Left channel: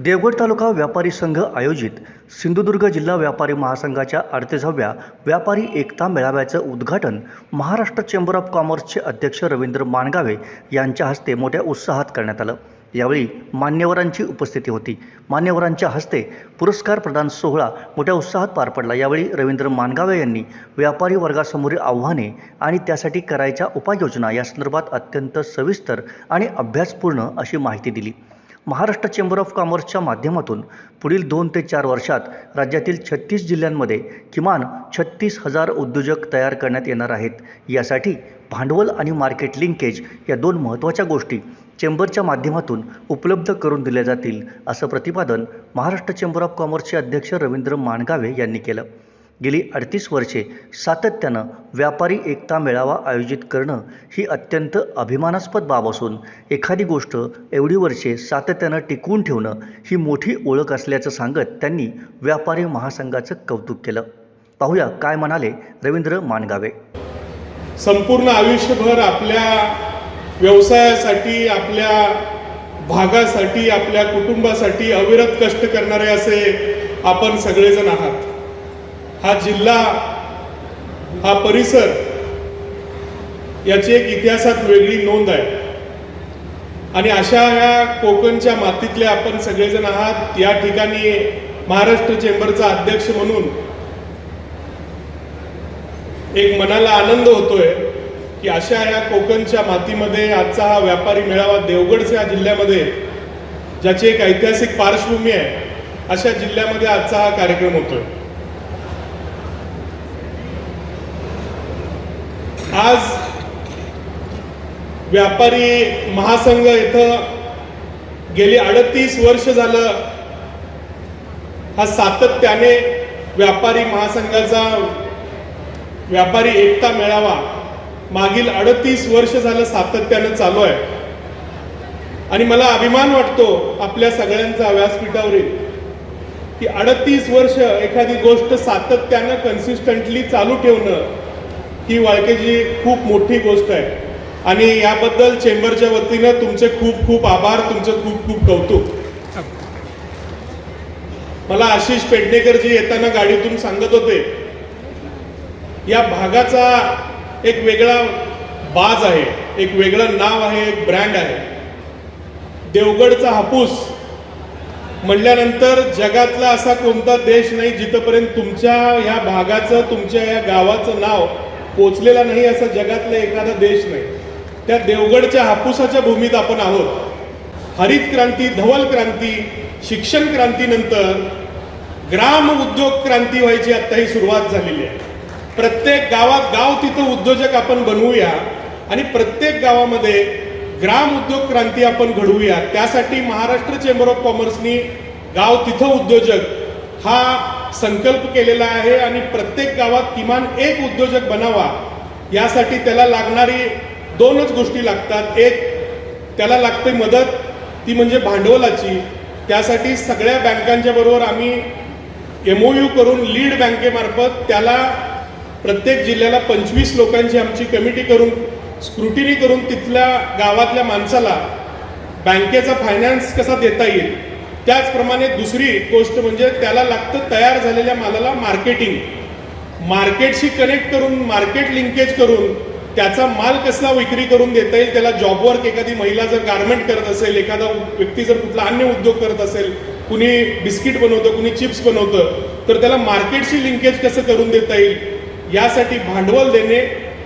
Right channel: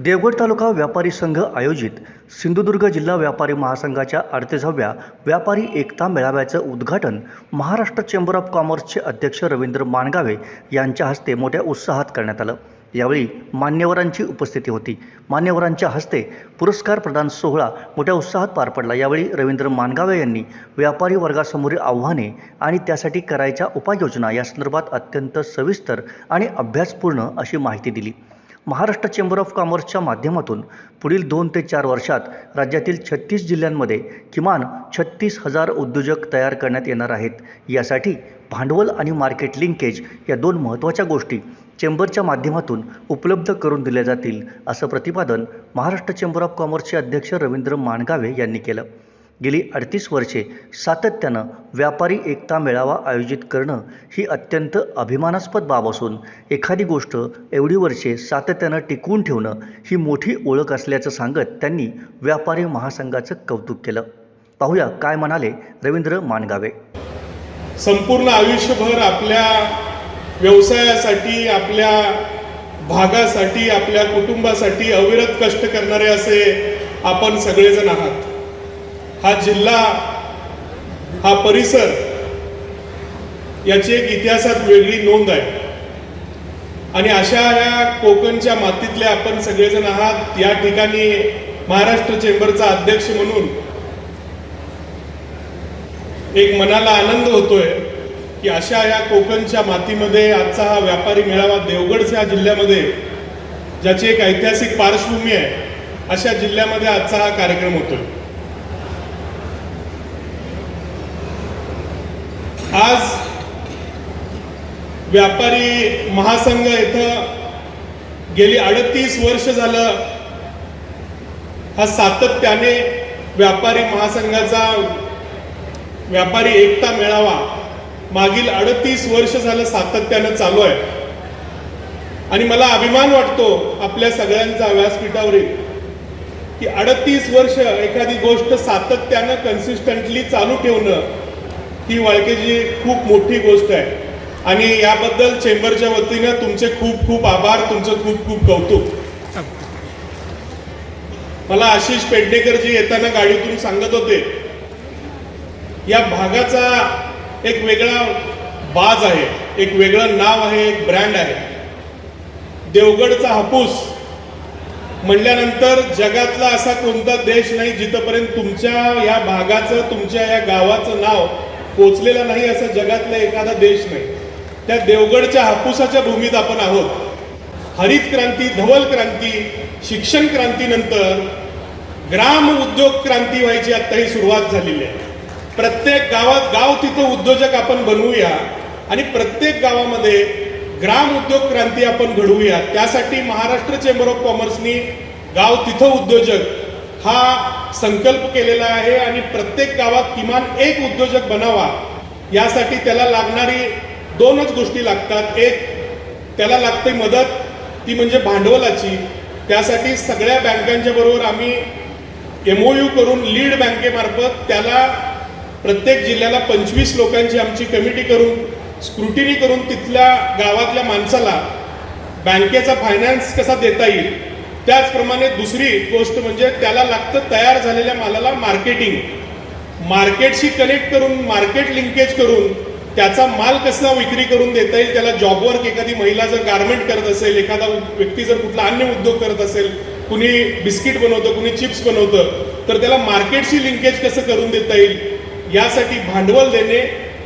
देवगड तालुका व्यापारी संघ आयोजित सिंधुदुर्ग जिल्हा व्यापारी महासंघाच्या 38व्या व्यापारी एकता मेळाव्याचं उद्घाटन महाराष्ट्र चेंबर ऑफ कॉमर्सचे अध्यक्ष रवींद्र माणगावे यांच्या हस्ते मोठ्या उत्साहात करण्यात आलं। यावेळी मान्यवरांची उपस्थिती होती। मान्यवरांच्या हस्ते पुरस्कार प्रदान सोहळा मोठ्या उत्साहात पार पडला। यावेळी रवींद्र माणगावे यांनी व्यापारी वर्गासमोरील आव्हाने आणि त्यासाठी करायच्या उपाययोजना या संदर्भात अत्यंत सविस्तर आणि अभ्यासपूर्ण अशी माहिती दिली। महाराष्ट्र चेंबर ऑफ कॉमर्सच्या माध्यमातून पुढील 2 ते 4 वर्षात राज्यातील 36 जिल्ह्यांमध्ये किमान 36,000 उद्योजक तयार करण्यात येणार आहेत। यासाठी भांडवल आणि मार्केट लिंकेज या 2 महत्त्वाच्या गोष्टी चेंबरच्या माध्यमातून उपलब्ध करून दिल्या जातील, असं प्रतिपादन महाराष्ट्र चेंबर ऑफ कॉमर्सचे अध्यक्ष रवींद्र माणगावे यांनी केलं। गेली 38 वर्षे सातत्यानं व्यापारी एकता मेळावा आयोजित करणं ही अत्यंत अभिमानास्पद बाब असून एखादी गोष्ट एवढी वर्षे सातत्यानं टिकवून ठेवणं ही मोठी ओळख असल्याचं सांगत त्यांनी व्यापारी महासंघाचं कौतुक केलं। पाहूया काय म्हणाले रवींद्र माणगावे। संपूर्ण आयुष्यभर आपल्या व्यवसायासाठी, आपल्या भागासाठी, आपल्या कुटुंबासाठी अविरत कष्ट करणारे असे आपण सगळेजण आहात। हा जिल्हा, हा परिसर याची एक इतिहासात वेगळी नोंद आहे आणि अशा ह्या कोकणच्या मातीतले आपण सगळेजण आहात। या ठिकाणी महाराष्ट्र चेंबरचा अध्यक्ष म्हणून एक मनाला आनंद होतोय की अशा या कोकणच्या मातीमध्ये आजचा हा व्यापारी मेळावा देवगडच्या जिल्ह्यामध्ये, ज्याची एक ऐतिहासिक पार्श्वभूमी आहे, अशा जिल्ह्यामध्ये आजचा हा कार्यक्रम होतोय। आज व्यापारी महासंघ इथं गेली 38 वर्ष झालं हा सातत्याने व्यापारी महासंघाचा व्यापारी एकता मेळावा मागील 38 वर्ष झालं सातत्याने चालू आहे आणि मला अभिमान वाटतो आपल्या सगळ्यांचा व्यासपीठावरील की 38 वर्ष एखादी गोष्ट सातत्याने कन्सिस्टंटली चालू ठेवणं ही वाळकेची खूप मोठी गोष्ट आहे आणि याबद्दल चेंबरच्या वतीनं तुमचे खूप खूप आभार, तुमचं खूप खूप कौतुक। मला आशिष पेडणेकरजी येताना गाडीतून सांगत होते, या भागाचा एक वेगळा बाज आहे, एक वेगळं नाव आहे, एक ब्रँड आहे। देवगडचा हापूस म्हणल्यानंतर जगातला असा कोणता देश नाही जिथपर्यंत तुमच्या या भागाचं, तुमच्या या गावाचं नाव पोचलेला नाही असा जगातला एखादा देश नाही। त्या देवगडच्या हापूसाच्या भूमीत आपण आहोत। हरित क्रांती, धवल क्रांती, शिक्षण क्रांतीनंतर ग्राम उद्योग क्रांती व्हायची आता ही सुरुवात झालेली आहे। प्रत्येक गावात गाव तिथं उद्योजक आपण बनवूया आणि प्रत्येक गावामध्ये ग्राम उद्योग क्रांती आपण घडवूया। त्यासाठी महाराष्ट्र चेंबर ऑफ कॉमर्सनी गाव तिथं उद्योजक हा संकल्प केलेला आहे आणि प्रत्येक गावात किमान एक उद्योजक बनावा। यासाठी त्याला लागणारी 2च गोष्टी लागतात। एक, त्याला लागते मदत, ती म्हणजे भांडवलाची। त्यासाठी सगळ्या बँकांच्या बरोबर आम्ही MOU करून लीड बँकेमार्फत त्याला प्रत्येक जिल्ह्याला 25 लोकांची आमची कमिटी करून स्क्रुटिनी करून तिथल्या गावातल्या माणसाला बँकेचा फायनान्स कसा देता येईल। त्याचप्रमाणे दुसरी गोष्ट म्हणजे त्याला लागतं तयार झालेल्या मालाला मार्केटिंग, मार्केटशी कनेक्ट करून, मार्केट लिंकेज करून त्याचा माल कसा विक्री करून देता येईल। त्याला जॉब वर्क, एखादी महिला जर गारमेंट करत असेल, एखादा व्यक्ती जर कुठला अन्य उद्योग करत असेल, कुणी बिस्किट बनवतं, कुणी चिप्स बनवतं, तर त्याला मार्केटशी लिंकेज कसं करून देता येईल, यासाठी भांडवल देणे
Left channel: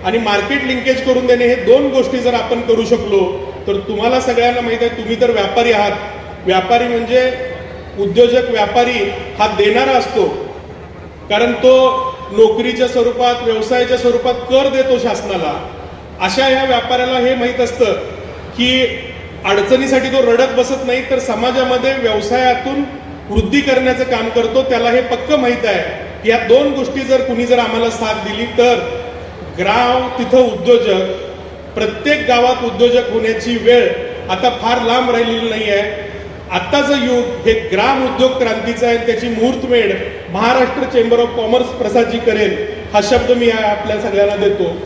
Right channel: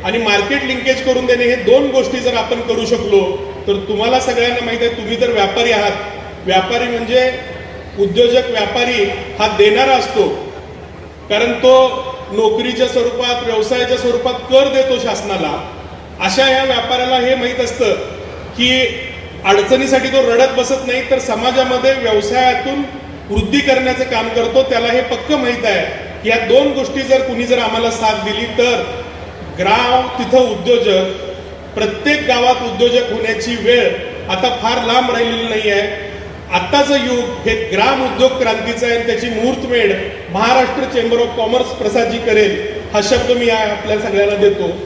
आणि मार्केट लिंकेज करून देणे, हे 2 गोष्टी जर आपण करू शकलो तर तुम्हाला सगळ्यांना माहित आहे, तुम्ही तर व्यापारी आहात। व्यापारी म्हणजे उद्योजक, व्यापारी हा देणारा असतो, कारण तो नोकरीच्या स्वरूपात, व्यवसायाच्या स्वरूपात कर देतो शासनाला। अशा या व्यापाऱ्याला हे माहीत असतं की अडचणीसाठी तो रडत बसत नाही, तर समाजामध्ये व्यवसायातून वृद्धी करण्याचं काम करतो। त्याला हे पक्क माहीत आहे की या 2 गोष्टी जर कुणी जर आम्हाला साथ दिली तर गाव तिथं उद्योजक, प्रत्येक गावात उद्योजक होण्याची वेळ आता फार लांब राहिलेली नाही आहे। आत्ताचं युग हे ग्राम उद्योग क्रांतीचं आहे। त्याची मुहूर्तमेढ Maharashtra chamber of commerce Prasad ji करेल, हा शब्द मी आपल्या सगळ्यांना देतो।